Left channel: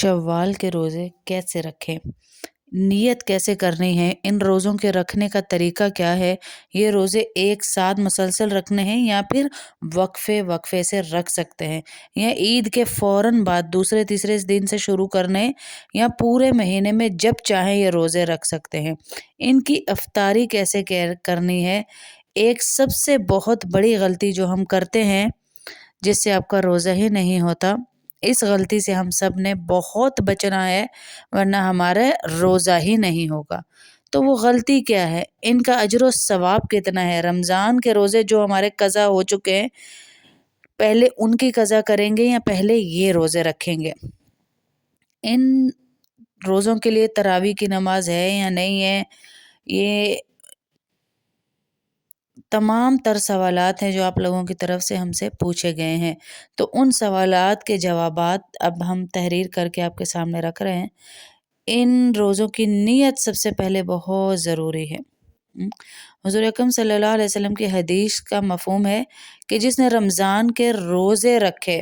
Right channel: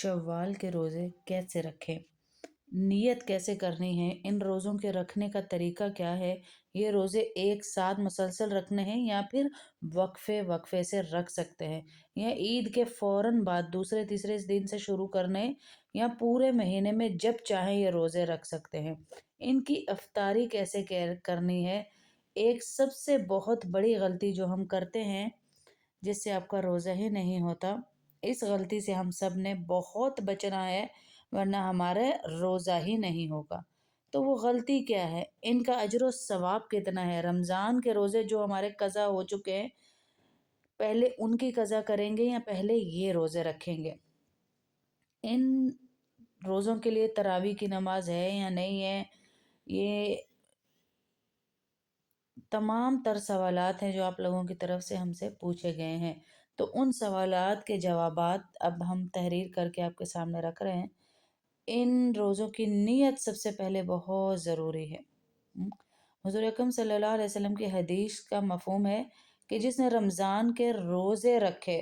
शव्वाल के रोज़े कैसे रखें? नियत कैसे करनी है? इन रोज़ों के रखने का तरीका क्या है? ये रोज़े एक साथ मुसलसल रखने हैं या फिर वक्फ़े-वक्फ़े से रख सकते हैं? या ईद के फ़ौरन बाद दूसरे तीसरे दिन से शुरू करने हैं या पूरे महीने में जब चाहें ये रोज़े रख सकते हैं? इनकी इफ़्तारी कैसे केयर करनी है? एक सबसे बहुत बड़ी गलती जो हम करते हैं जिससे आपका रोज़ा ही नहीं होता। इस गलती से हम सब ने बहुत बचना है, वरना हमारा रोज़ा ही नहीं होगा। तो वो गलती क्या है? इनका अजर व सवाब कितना है? रमज़ान के रोज़े जो हमारे कज़ा हो चुके हैं, पहले उनकी कज़ा करेंगे या पहले ये रोज़े रखेंगे? इन रोज़ों के लिए तरावी की नमाज़ है या नहीं है? ये तमाम तर सवालात हैं जो आप लोगों की तरफ से हमसे पूछे गए हैं। तो उन सवालात के जवाबात अब हम तहरीर करके आपके सामने रख रहे हैं। इन रोज़ों की नीयत सबसे पहले बहुत ज़रूरी है। हुज़ूर अकरम सल्लल्लाहु अलैहि वसल्लम की हदीस का मफ़हूम है कि जिसने रमज़ान के रोज़े रखे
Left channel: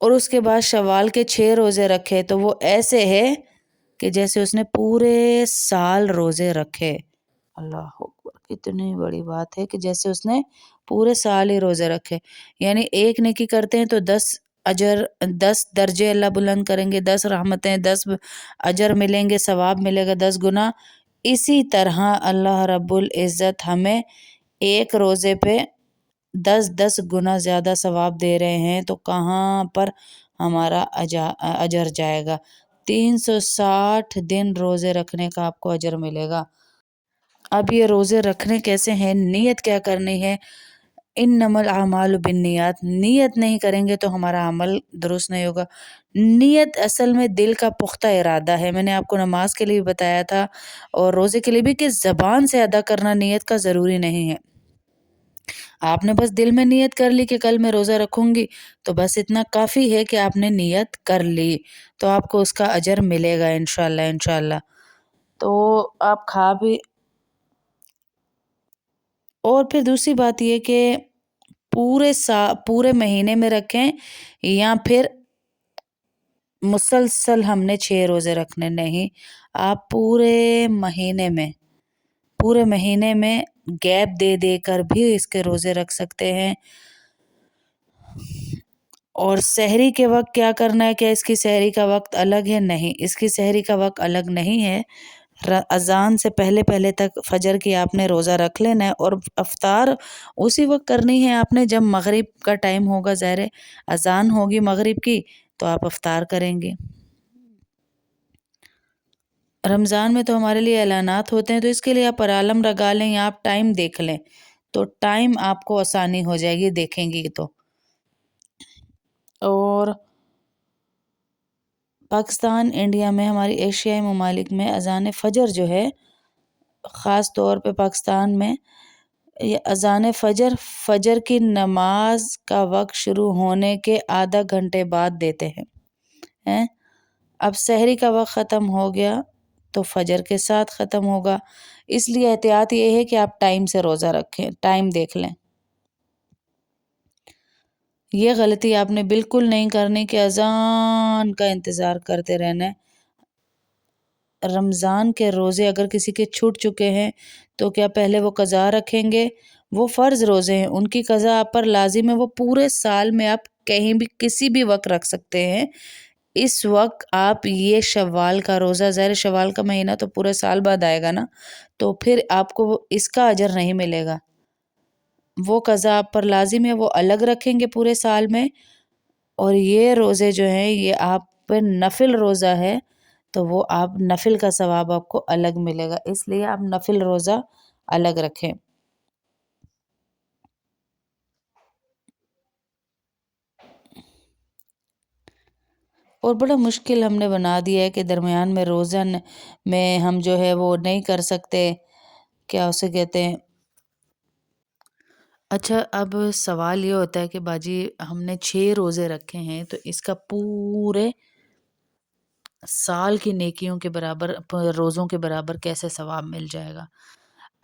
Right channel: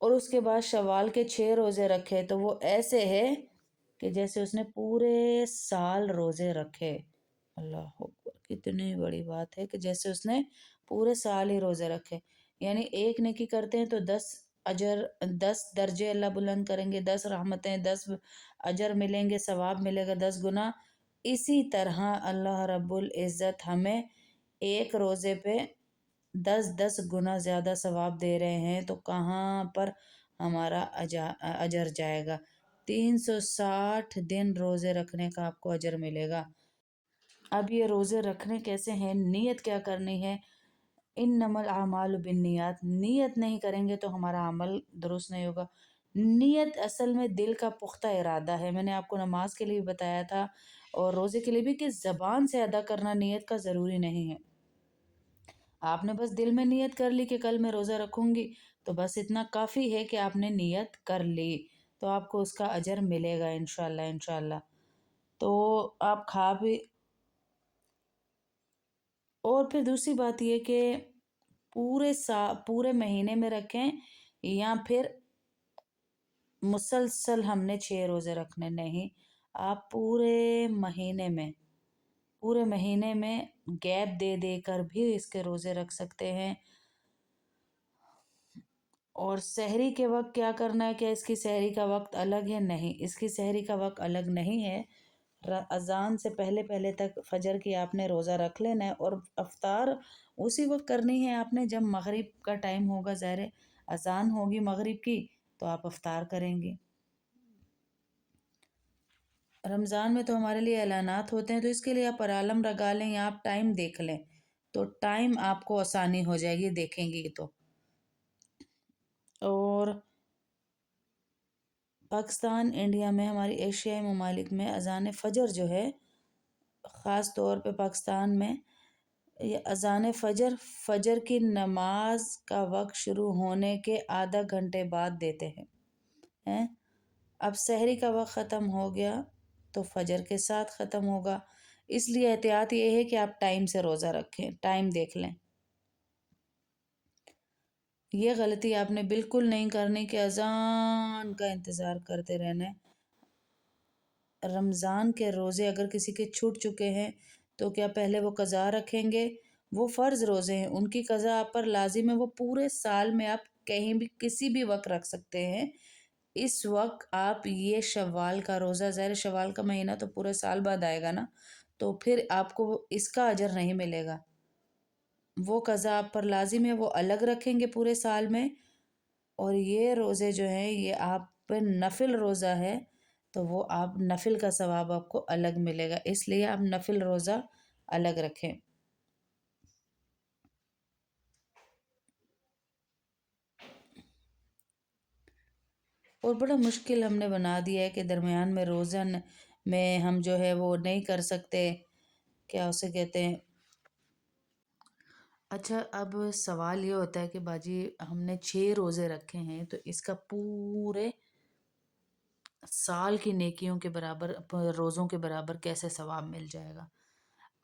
और उसके बाद शव्वाल के 6 रोज़े रखे तो वो ऐसे है कि जैसे उसने पूरे साल रोज़े रखे। अल्लाह अकबर! कितनी बड़ी बात है कि जैसे उसने पूरे साल ही रोज़े रखे। यानी एक नेकी करते हैं तो 10 अजर 10 दर्जे अल्लाह बुलंद करेंगे, 10 रहमतें, 10 अजर मिलेंगे, सवाब मिलेगा 10 गुना। इसी तरह अल्लाह रब्बुल इज़्ज़त हमें एक रोज़े पे 10-10 गुना ज़्यादा सवाब दे रहे हैं, तो कहाँ पर हमारा अजर जाएगा। 360 दिन रोज़े रखने का आपको अजर मिलेगा। अब ये रोज़े रखने कैसे हैं? नियत क्या करनी है? इन्नमल अमालु बिन्नियात। नियत नहीं करेंगे तो हमारा अमल दुरुस्त नहीं होगा। नियत असल में दिल का पुख्ता इरादा है। मैंने आपको नमाज के लिए भी बताया था और रोज़े के लिए भी कि ज़बान से अदा करना नियत का ज़रूरी नहीं है। आपने बस दिल में नियत कर ली कि कल मैं रोज़ा रखूँगी, तो बस इतना काफ़ी है कि आपने नियत कर ली, तो आपको उसका अजर मिलेगा इंशाअल्लाह इंशाअल्लाह। तो आप खा भी और फिर दूसरी बात ये कि पूरे महीने में रखें या फिर मुसलसल हमने 6 रोज़े रखने, नहीं, आप पूरे महीने में गैप दे देकर भी इसके रोज़े रख सकते हैं। और सहरी के वक़्त क्या करना है? क्या इसकी सहरी का वक़्त अलग है? नहीं, इसकी सहरी का वक़्त अलग नहीं है। अज़ान से पहले-पहले तक फ़जर की आपने रोज़ा रख लेना है और इफ़्तार उसी वक़्त करनी है आपने जब मग़रिब का टाइम होगा। ज़ाहिर है अज़ान होगी मग़रिब की तो आप इफ़्तार करेंगे। रमज़ान में तो हमारे लिए ऐलानात होते हैं तो इसके लिए आप अलार्म लगा लें या आप टाइम देख लें, तो टाइम आपको आसानी हो जाएगी देखेंगी तो। और पाकिस्तान, इंडिया में, हमारी एशियाई ममालिक में अज़ान फ़जर जो है, ख़ास तौर पे पाकिस्तान में ये अज़ान फ़जर, फ़जर की नमाज का वक़्त शुरू होने के आधा घंटे बाद देते हैं। अब सहरी का वक़्त ख़त्म हो गया तो फ़जर के साथ ख़त्म होगा। इसलिए एहतियात ये है कि आप टाइम से रोज़ा रखें, टाइम देख लें। ये गलती आपने बिल्कुल नहीं करनी कि अज़ान का इंतज़ार करते रहना है। रमज़ान के रोज़े अगर किसी के छूट चुके हैं तो क्या पहले वो क़ज़ा रखेंगे? वो फ़र्ज़ रोज़े हैं, उनकी क़ज़ा आप पर लाज़िम है। वो पूरे साल में आप कहीं भी किसी भी वक़्त रख सकते हैं। इस वक़्त आप ये शव्वाल का रोज़ा, ज़ाहिर शव्वाल का महीना तो पूरे साल बाद आएगा ना, तो फिर आपको वो इसका अजर नहीं मिलेगा। वो क़ज़ा आप पर लाज़िम है, वो अलग रखेंगे पूरे साल में। और ये रोज़े जो हैं ये आप पे नफ़िल रोज़ा है, तो वो आप नफ़िल का सवाब आपको अलग मिलेगा, इसलिए आप नफ़िल रोज़ा अलग रखें। और बड़ा मुश्किल हमने बना दिया है कि दरमियान में रोज़ा में हम जो है वो नहीं कर सकते, क्या उसे कहते हैं। अच्छा, अब सवाल ये होता है कि बाजी हमने 6 रोज़े रखे हैं तो इसका पूरे साल की नेकियों के बराबर रोज़ों के बराबर कैसे सवाब मिल जाएगा।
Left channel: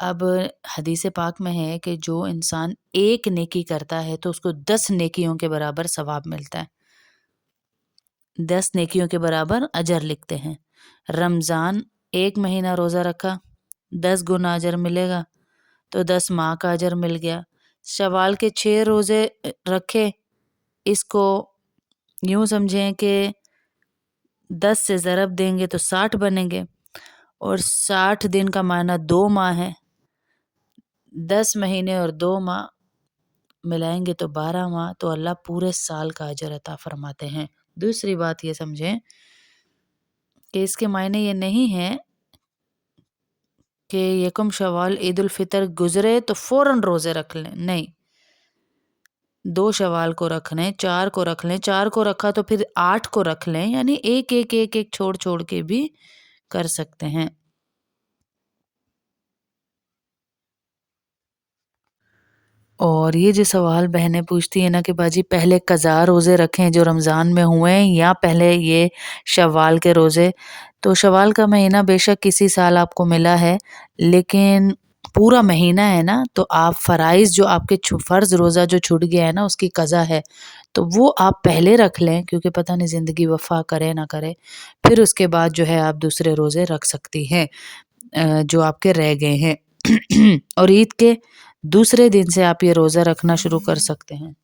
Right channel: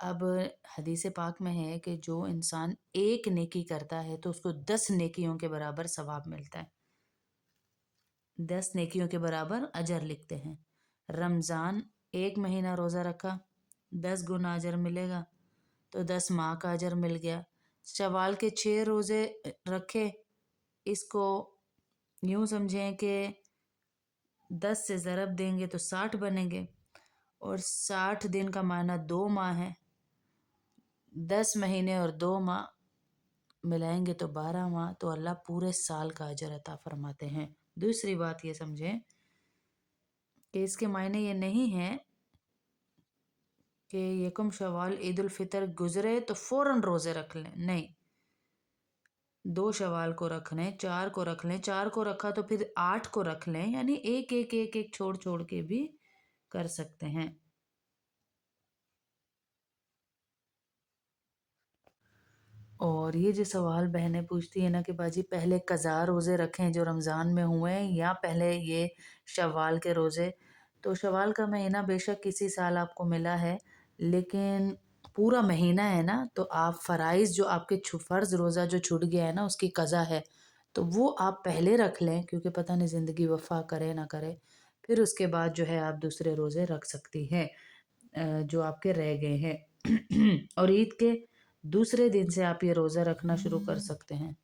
अब हदीस पाक में है कि जो इंसान एक नेकी करता है तो उसको 10 नेकियों के बराबर सवाब मिलता है। 10 नेकियों के बराबर अजर लिखते हैं। रमज़ान 1 महीना रोज़ा रखा, 10 गुना अजर मिलेगा, तो 10 माह का अजर मिल गया। शवाल के 6 रोज़े रखे, इसको यूँ समझें कि 10 से ज़रब देंगे तो 60 बनेंगे, और 60 दिन का माना 2 माह है। 10 महीने और 2 माह मिलाएंगे तो 12 माह, तो अल्लाह पूरे साल का अजर अता फरमाते हैं। दूसरी बात ये समझें कि इसके मायने ये नहीं है कि यकम शवाल ईद उल फितर गुजरे तो फ़ौरन रोज़े रख लें, नहीं। 2 शवाल को रख लें, 4 को रख लें, 4 को रखा तो फिर 8 को रख लें, यानी एक छोड़ के भी कर सकते हैं। और ये जो सवाल बहनें पूछती हैं ना कि बाजी पहले कज़ा रोज़े रखें जो रमज़ान में हुए हैं, या पहले ये शव्वाल के रोज़े। तो शव्वाल का महीना बेशक किसी साल आपको मिला है, लेकिन पूरा महीना है ना, तो आप फ़राइज़ जो आपके फ़र्ज़ रोज़ा जो छूट गया है ना, उसकी कज़ा है, तो वो आप पहले रख लें, क्योंकि पता नहीं ज़िंदगी वफ़ा करे ना करे। फिर उसके बाद जो है आप दूसरे रोज़े रख सकती हैं जो आपके रह गए हैं। और ईद के दूसरे दिन से आप ये रोज़ा रखना शुरू कर सकते हैं।